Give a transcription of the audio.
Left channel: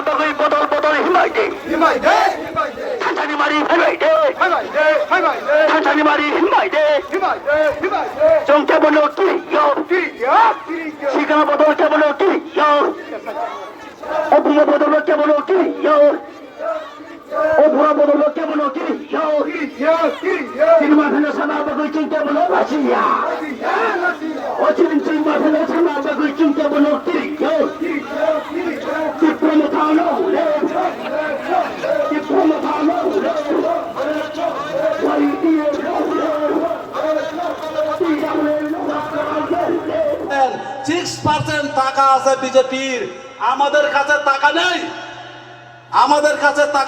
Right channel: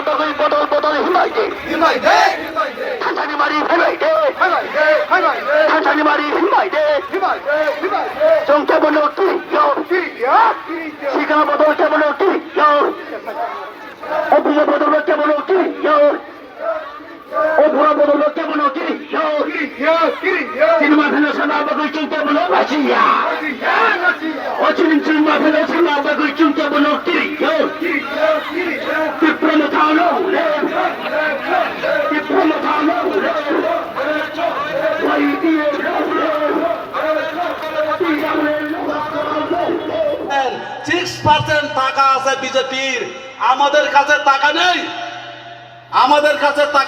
বাগুই বদল বদল হিমাইতে মারি হিমাইতে মারি হিমাইতে চমকে বলো কি শিখা বদল কে বলো কি ও বুড়ো বদল কে বলো কি ও বুড়ো বদল কে বলো কি সিনেমা ফেলে সাদা বাগুই চমকে বলো বাসিয়া ও সিনেমা ফেলে সাদা বাগুই চমকে বলো কি টাকা আছে বিজেপির, আমাদের কাছে টাকা নেই, আমাদের কাছে টাকা